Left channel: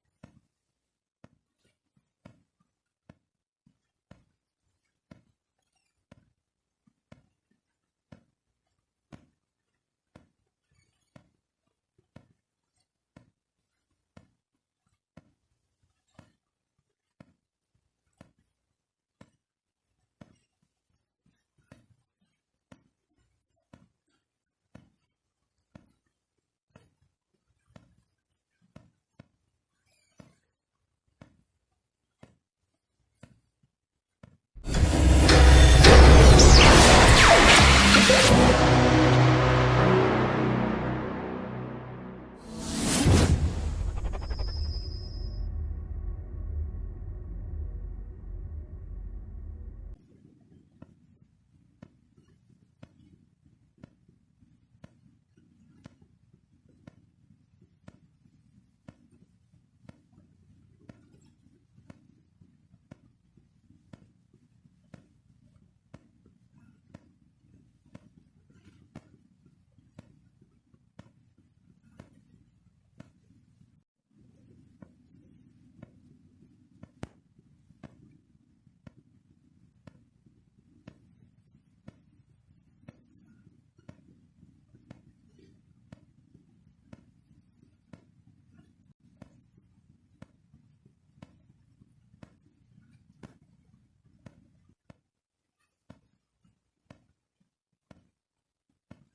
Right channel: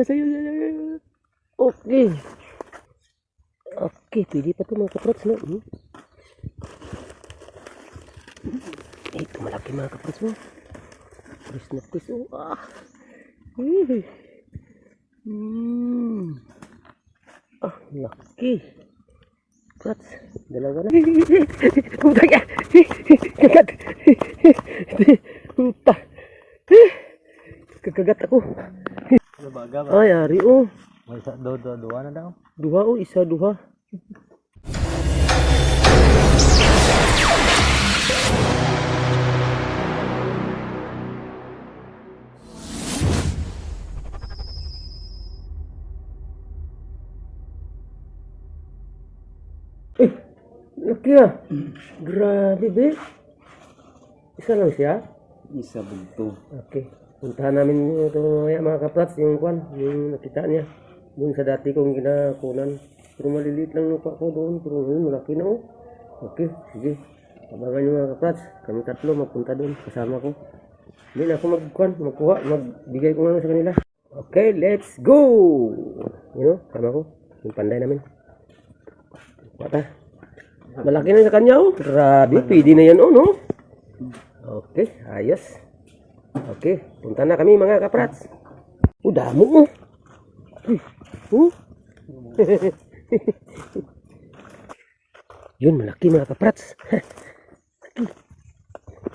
isa sa'yo. Okay. Okay, pwede pa ito mga kaprots, no? Ito, malaki mga kaprots mo. Pwes na pwes, oh. Laki. Kaprots, dalawa na. Puta ka. Kagat. Puta. Kagagat ako. Ay, ari, oh. May isa, dua na daw. Duha, oh. Isa, duha. Laki ah. Grabe, be. Isa lang siya. Isa bugto. Okay. Puntahan namin ito mamaya mga kaprats, yung kwan, yung nakita niya. Doon sa dati kong ginakunan. Pero maliliit lang lupa ko doon. Pero ngayon malaki na oh. Okay, sige. Abangan nyo mga kaprats. Kami tatlo magpunta doon. Kasama ko. Hindi na ako magkuha. Magbigay ko nga sa kanila. Okay, let's go! You know, sama ko. Yung panday namin. Bata. Malaki na sa kanya oh. Grabe, pwede na yan oh, no? Okay, ayos. Okay, punta na kami mga kaprats. Damo oh. Yun, malaki mga kaprats. Malaki.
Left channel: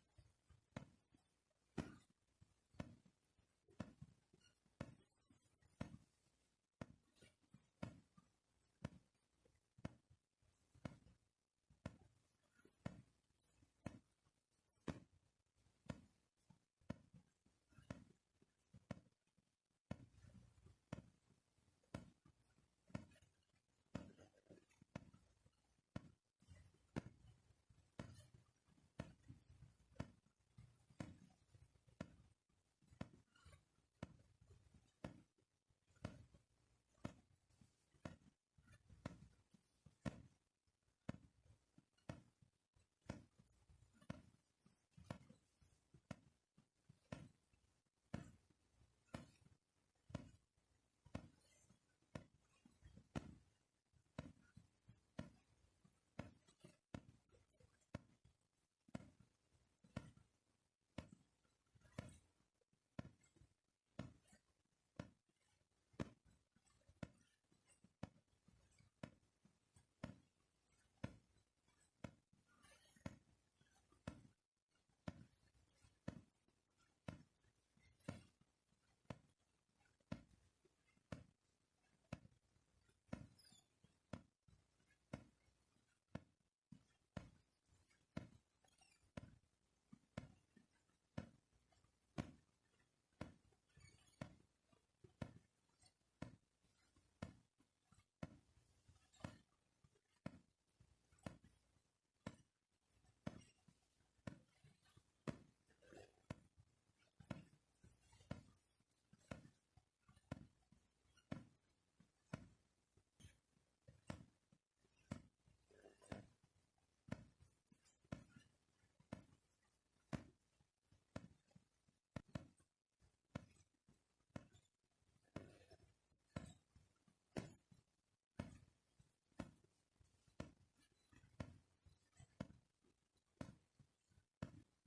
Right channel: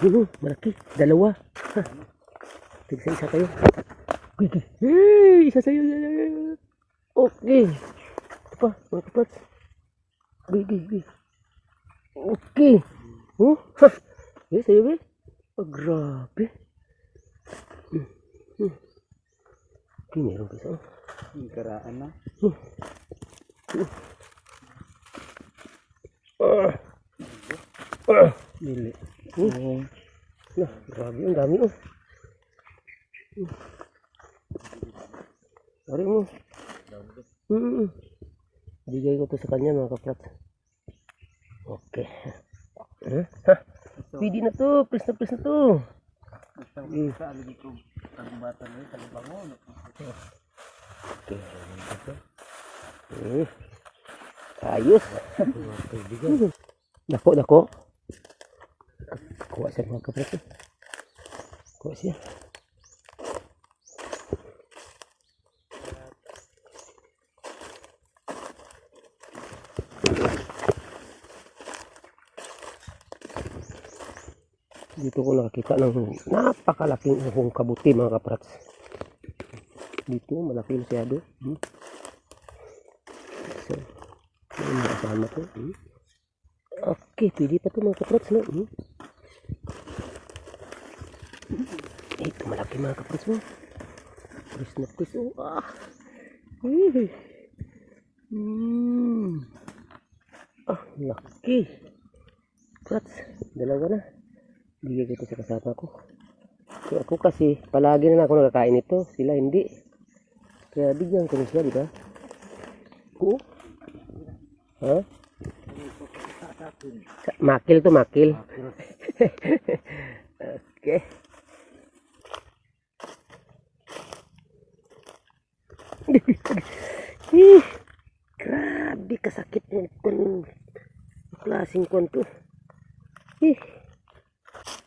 Yun, malaki. Dalawa. Tigsa-isa kayo. Hey, isa sa'yo. Okay. Ito pa, mga kaprats. Gigi. Okay. Yes, sa'yo ba? Grabe. Okay, meron pa isa. Yung karaan na. Dili. Grabe, ang dami oh. Sorry mo. Bigay ko to sa kanya mga kaprat. Okay. Pwede na to, please na to. Sa aligi ko, tagubatan na yun, tagubango. Okay. Ayos. Dako. Kuha siya mga kaprat. Kuha siya. Dito ko nakakita ng napakalaking uhong kabuti mga kaprats. Dito malaki masyado. So, yung kasama ko. Okay, pwede pa ito mga kaprats, no? Ito malaki mga kaprats mo. Pwes na pwes, oh. Laki. Kaprats, dalawa na. Bigay ko ito sa kasama ko. So, ako kasi palagi na ako nakakain ito. Sila hindi. Kaya bigyan ko rin sila, di ba? Oo. Ha? Makil to, makil. Okay. Grabe kasakit mo kung klaseng kwan to.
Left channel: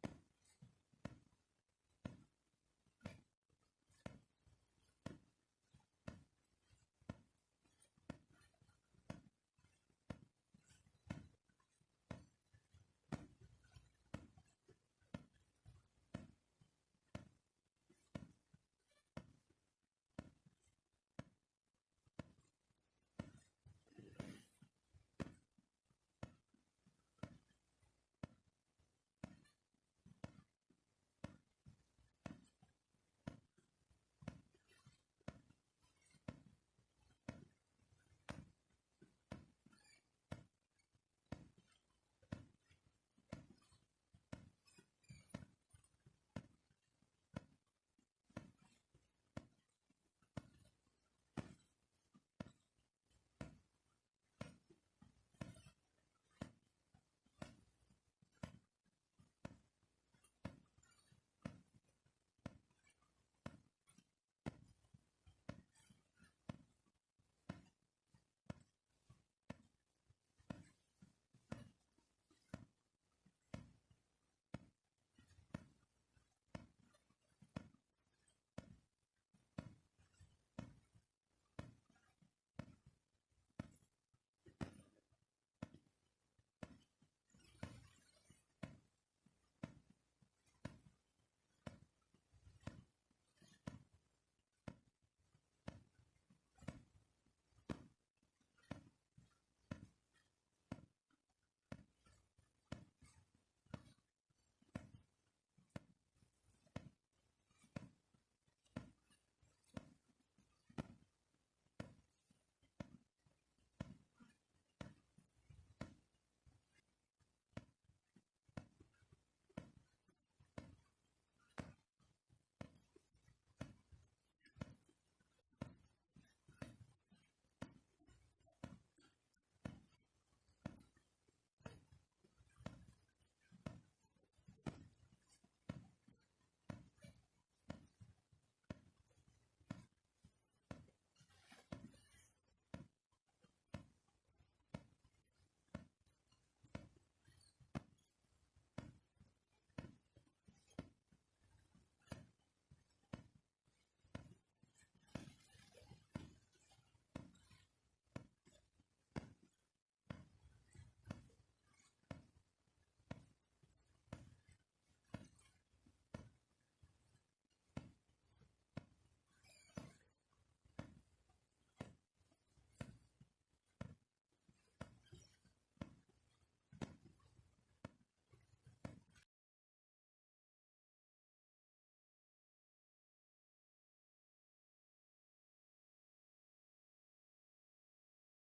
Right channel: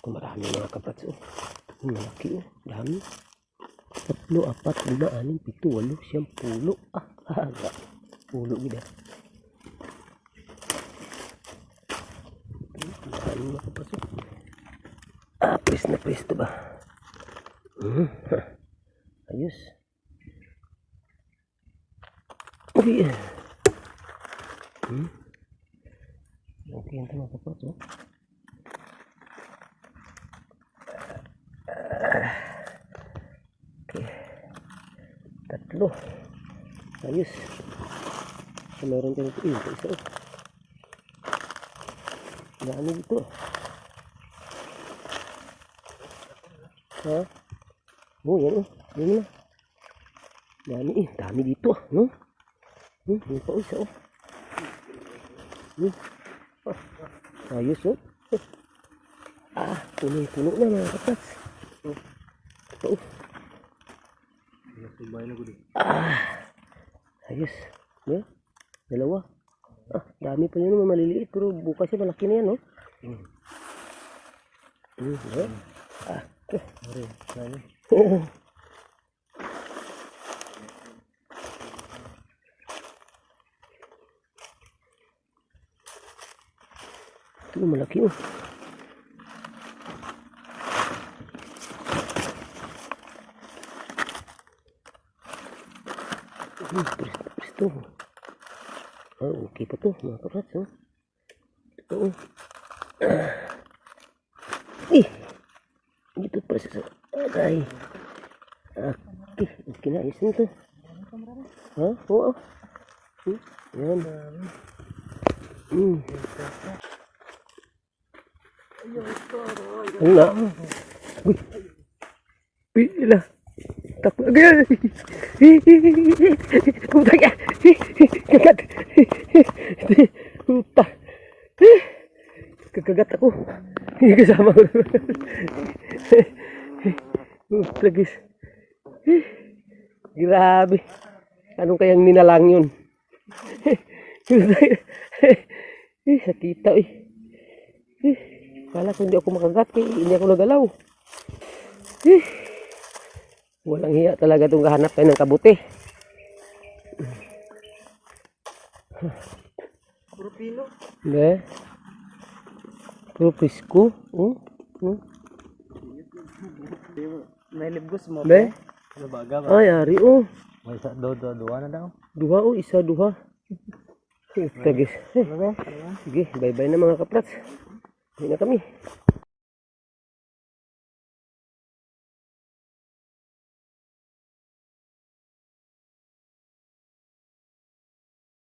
Marami mga kaprats oh. Malaki oh. Dami. 3, 4, 5, 6, 7, 8, 9, 10. Pulo gida. Marami mga kaprats oh. Pwes na pwes to ba? Ayos. Okay. Okay ito mga kaprats oh. Okay. 3. Ayos. So, meron tayo dito. Isa. Dami dito. Ha? Yan oh. Yan na. Dami dito. No? May pa isa oh. Ayos oh. Puno-puno na mga kaprats. Ito. Ayos. Yeah. Dalawa. Dami pa yun, maliliit. Pero bukas yan, malaki na yan, no? Yeah. Ito, malaki, oh. Presto. Okay pa to, mga kaprats, oh. Ito, oh. Dito pa sa agay. Okay na, ayos nito. Ha? Oo. Yan. Ano na? Uy. Pila. Takbo. Agay. Puta ka. Kagat. Puta. Kakagat ako. Kasama ko. Plagis. Grabe. Anong kayang ninalang yun? Sakita eh. Kala ko hindi ako makagat eh. Hindi ako nagalaw. Walang hiya talaga itong kahanap tayo ng kabuti. Puro pino. Hindi. Puro presko. May libgos mo. Be? Ano baga ba? Ay, ari oh. May isa, duwa na daw. Duha oh, isa duha. Tagis. Sige, bye-bye na mga kaprats. Hindi na kami.